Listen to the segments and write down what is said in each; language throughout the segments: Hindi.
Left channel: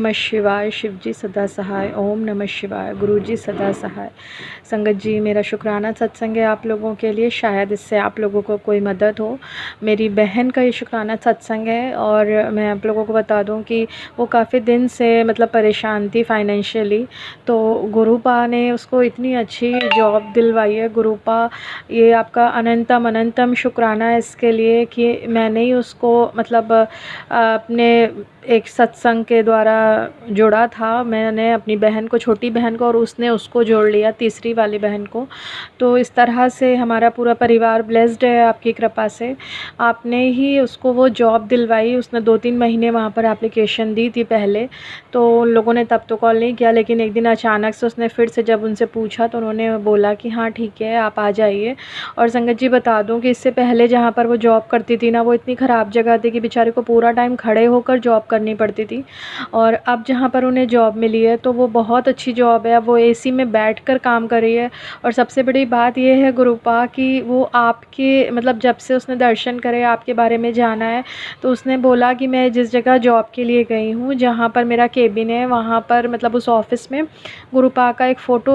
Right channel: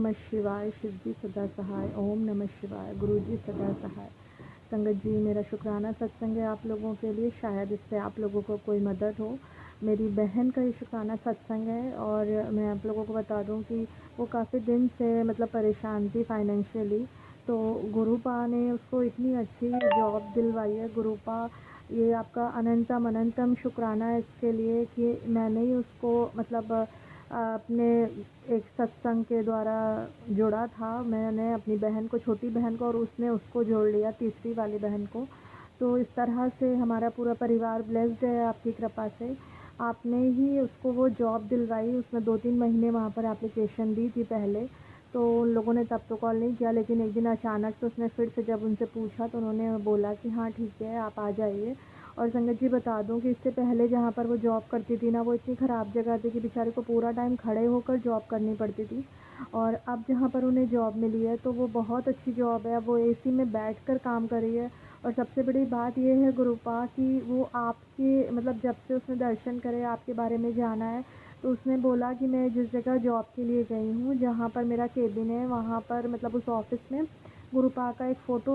नमः शिवाय। शिव जी सदा सहाय। ओम नमः शिवाय। गुरु जी सदा सहाय। संगत जी, मेरा शुक्राना सत्संग है आप लोगों के लिए, शायद इससे आप लोगों को कोई मदद हो। मेरी बहन का ये शुक्राना सत्संग है और मैं आप लोगों को बता दूं कि वो काफ़ी दिन से मतलब परेशान थी फाइनेंशियली। तो गुरुपा ने उसको इतनी अच्छी जॉब दिलवाई है। गुरुपा, ये आपका अनंतम अनंतम शुक्राना है इसके लिए कि मैंने ही उसको मतलब अपने एक सत्संग के द्वारा जोड़ा था। मैंने अपनी बहन को, छोटी बहन को, और उसने उसको जोड़ लिया, तीसरी वाली बहन को। तो इस तरह से हमारा पूरा परिवार ब्लेस्ड है आपकी कृपा से। आपने ही उसको वो जॉब दिलवाई। उसने 2-3 महीने वहाँ पर एप्लीकेशन दी थी पहले, तो उन लोगों ने तब तो कॉल नहीं किया, लेकिन एक दिन अचानक से उसने फिर से जब उनसे पूछा तो उन्होंने बोला कि हाँ ठीक है, आप आ जाइए। और संगत जी बता दूं कि इससे पहले जहाँ पर वो जॉब करती थी ना, वो इतनी ख़राब जगह थी कि बेचारे को पूरा टाइम खड़े होकर जॉब करनी पड़ती थी। और अब जहाँ पर उन्हें जॉब मिली है तो वो बहुत अच्छी जॉब है। वो एसी में बैठकर काम कर रही है। और सबसे बड़ी बात ये है गुरुपा कि वो आपके मतलब जब से उसने दर्शन करे, आपके बारे में जाना है, तो उसने बोला कि मैं जिस जगह जॉब के लिए गई हूँ, जहाँ पर मेरा केबिन है, वहाँ पर मतलब उस ऑफ़िस में गुरुपा का एक फ़ोटो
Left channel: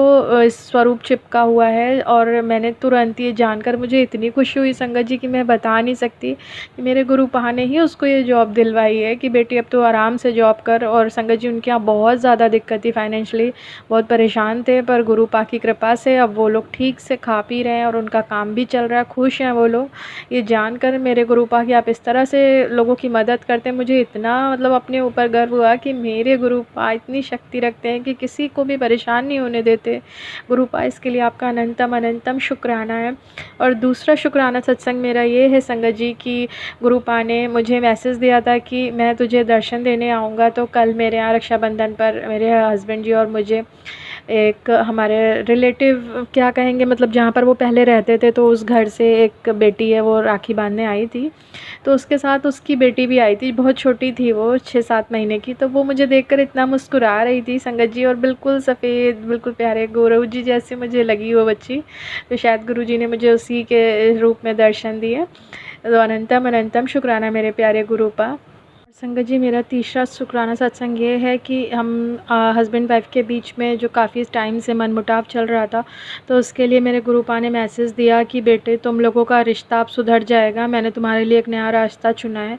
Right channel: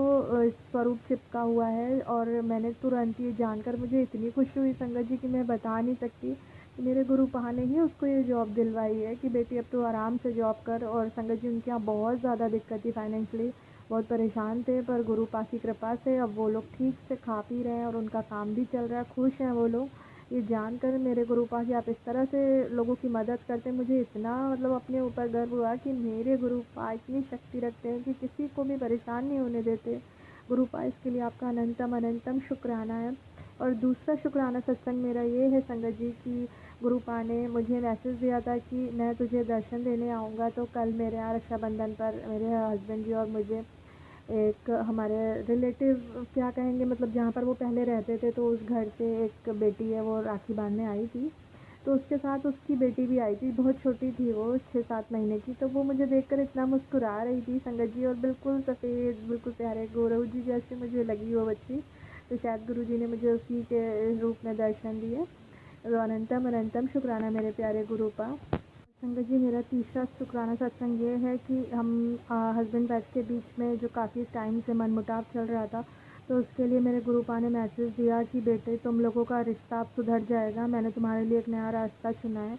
स्वरूप चिपका हुआ है। और मैंने तुरंत ये जानकर मुझे इतनी खुशी हुई संगत जी कि मैं बता नहीं सकती कि मेरे गुरुपा ने ही उसको ये जॉब दिलवाई है कि बेटी अब तो आराम से जॉब कर। और संगत जी, उनके यहाँ बहुत ज़्यादा दिक्कत थी फाइनेंशियली, बहुत परेशान थे, पर गुरुपा की कृपा से अब वो लोग ठीक से खा पी रहे हैं और उनका काम भी चल रहा है, खुश हैं वो लोग। ये जानकर मेरे गुरुपा कि आप इस तरह से लोगों की मदद करते हैं, मुझे इतना मतलब अपने ऊपर गर्व हुआ कि मेरे गुरुपा इतनी शक्ति रखते हैं कि किसी को भी परेशान नहीं होने देते। गुरुपा, इसके लिए आपका अनंतम अनंतम शुक्राना है। और दूसरा शुक्राना सत्संग मेरा ये है संगत जी कि गुरुपा ने मुझे मैसेज दिया था कि मैं तुझे दर्शन देने आऊँगा। तो कल मेरे यहाँ रक्षाबंधन पर मेरे हस्बैंड जी और मुझे एक हमारे रिलेटिव क्या कहेंगे, मतलब जहाँ पर वो पहले रहते थे, तो उस घर से एक बेटी है, वो राखी बांधने आई थी। तो उसके साथ उसकी बेटी भी आई थी, बहुत छोटी थी वो, 6-7 महीने की। तो वो मुझे देखकर इतना मुस्कुरा रही थी संगत जी, और बिल्कुल सफ़ेद, बिल्कुल प्यारे गुरु जी जैसे मुझे लगी वो बच्ची। तो शायद गुरु जी ने मुझे उसी के रूप में दर्शन दिए। तो अनंतम अनंतम शुक्राना मेरे प्यारे गुरुपा। संगत जी, मेरा तीसरा शुक्राना सत्संग ये है कि हम हस्बैंड वाइफ के बीच में जो काफ़ी टाइम से मनमुटाव चल रहा था, तो उसके लिए मेरे गुरुपा ने मैसेज दिया कि बेटे, तुम लोगों का रिश्ता अब सुधर जाएगा, मैंने तुम्हारे लिए एक नया रास्ता चुना है।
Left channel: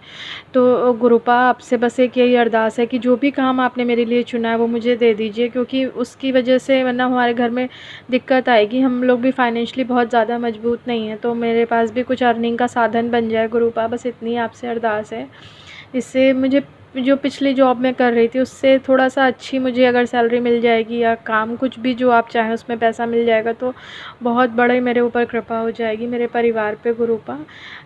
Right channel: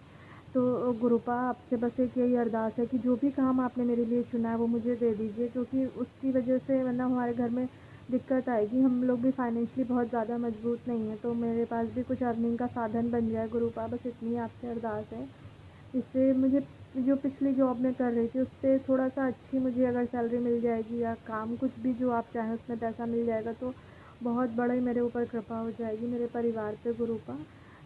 तो गुरुपा, आपसे बस एक यही अरदास है कि जो भी काम आपने मेरे लिए चुना है वो मुझे दे दीजिए, क्योंकि उसकी वजह से वरना हमारे घर में दिक्कत आएगी। हम लोग भी फाइनेंशियली बहुत ज़्यादा मजबूत नहीं हैं, तो मेरे पास भी कुछ अर्निंग का साधन बन जाए गुरुपा, बस इतनी आपसे अरदास है। इससे मुझे जो पिछली जॉब मैं कर रही थी उससे थोड़ा-सा अच्छी मुझे अगर सैलरी मिल जाएगी, या काम कुछ भी जो आप चाहें उसमें पैसा मिल जाएगा, तो बहुत बड़ी मेरे ऊपर कृपा हो जाएगी, मेरे परिवार पे गुरुपा।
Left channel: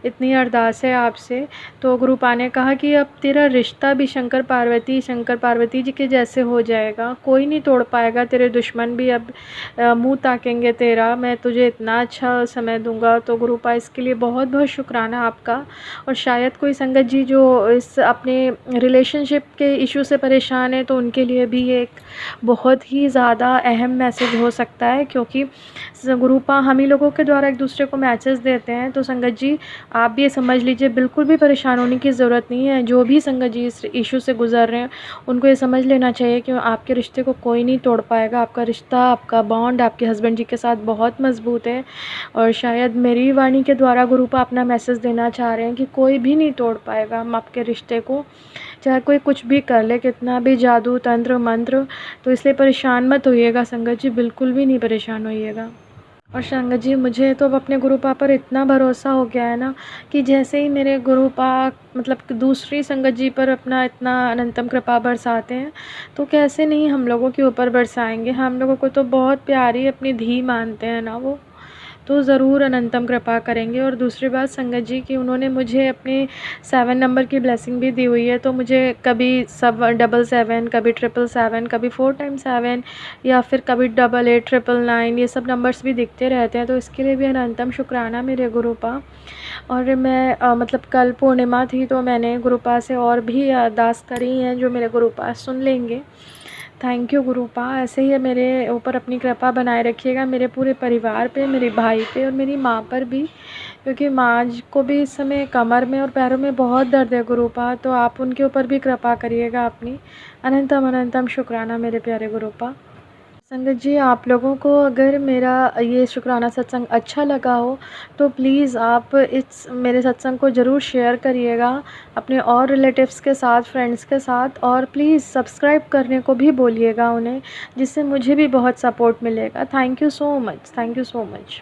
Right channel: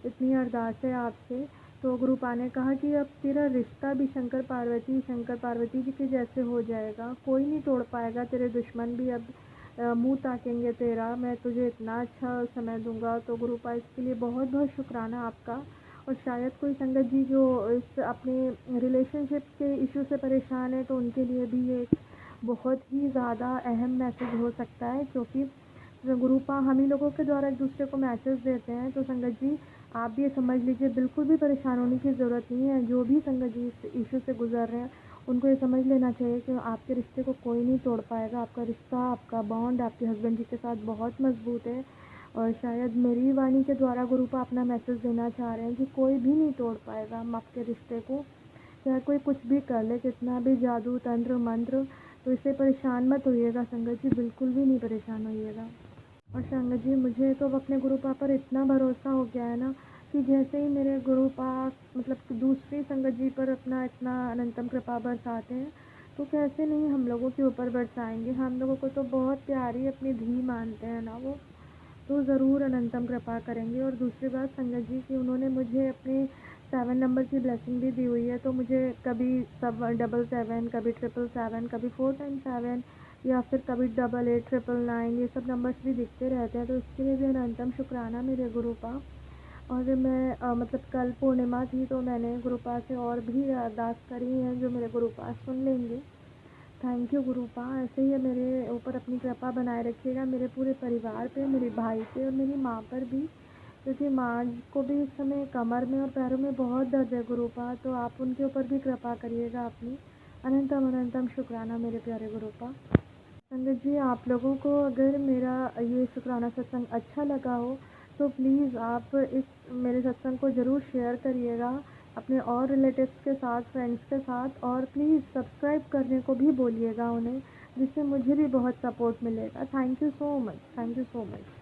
इतनी अरदास है आपसे। तो गुरुपा ने कहा कि अब तेरा रिश्ता भी शंकर पार्वती जी के जैसे हो जाएगा, कोई नहीं तोड़ पाएगा, तेरे दुश्मन भी अब मुँह ताकेंगे तेरा, मैं तुझे इतना अच्छा समय दूँगा। तो गुरुपा, इसके लिए बहुत-बहुत शुक्राना आपका। और शायद कोई संगत जी जो इस अपने रिलेशनशिप के इशू से परेशान है, तो उनके लिए भी ये एक बहुत ही ज़्यादा अहम मैसेज हो सकता है, क्योंकि गुरुपा हम ही लोगों के द्वारा एक दूसरे को मैसेज देते हैं। तो संगत जी, आप भी ये समझ लीजिए, बिल्कुल भी परेशान होने की ज़रूरत नहीं है। जो भी संगत जी इस इशू से गुजर रहे हैं, उनको ये समझ लेना चाहिए कि आपके रिश्ते को कोई नहीं तोड़ पाएगा। आपका रिश्ता, आपका बॉन्ड आपके हस्बैंड जी के साथ बहुत मज़बूत है। और शायद मेरी वाणी के द्वारा गुरुपा अपना मैसेज देना चाह रहे हैं कि कोई भी नहीं तोड़ पाएगा हम आपके रिश्ते को, चाहे कोई कुछ भी कर ले, कितना भी जादू तंत्र मंत्र। तो इसलिए परेशान मत होइएगा संगत जी, बिल्कुल भी नहीं परेशान होइएगा। और संगत जी, मुझे तो अब अपने गुरुपा पर इतना भरोसा हो गया है ना, कि जैसे ही मेरे गुरुपा मतलब कि दूसरी संगत जी पर अपना इतना अनंतम कृपा बरसाते हैं, तो कैसे नहीं हम लोगों के ऊपर बरसाएंगे। हम लोगों को तो बहुत प्यारी अपनी धी मानते हैं ना वो, तो ज़रूर अनंतम कृपा करेंगे। और दूसरी बात संगत जी कि उन्होंने मुझे अपने 7 नंबर की ब्लेसिंग भी दी हुई है, तो मुझे कभी सब 777, कभी 777, कभी 4 टाइम्स 7, या फिर कभी 88, 999, ये सब नंबर्स भी दिखते रहते हैं। तो इसके लिए भी अनंतम शुक्राना मेरे गुरुपा। और मैं मतलब कल पूर्णिमा थी, तो मैंने गुरुपा से और भी अरदास करी हैं जो मेरे गुरुपा सुन लेंगे। थैंक यू गुरुपा, ऐसे ही मेरे ऊपर अपनी कृपा बनाए रखिएगा, मेरे पूरे परिवार पे, मेरे भाई पे और मेरी माँ पर भी, क्योंकि माँ को भी इस समय कमर में और पैरों में बहुत दर्द है गुरुपा, तो आप उनके ऊपर भी कृपा करिएगा अपनी। अनंतम अनंतम शुक्राना मेरे प्यारे गुरुपा। संगत जी, आप लोगों को अगर मेरा ये शुक्राना सत्संग अच्छा लगा हो तो प्लीज़ आप इस मेरे सत्संग को ज़रूर शेयर करिएगा अपने और रिलेटिव्स के साथ, फ्रेंड्स के साथ, और प्लीज़ सब्सक्राइब करने को भी बोलिएगा उन्हें, जिससे मुझे भी बहुत सपोर्ट मिलेगा। Thank you so much, thank you so much.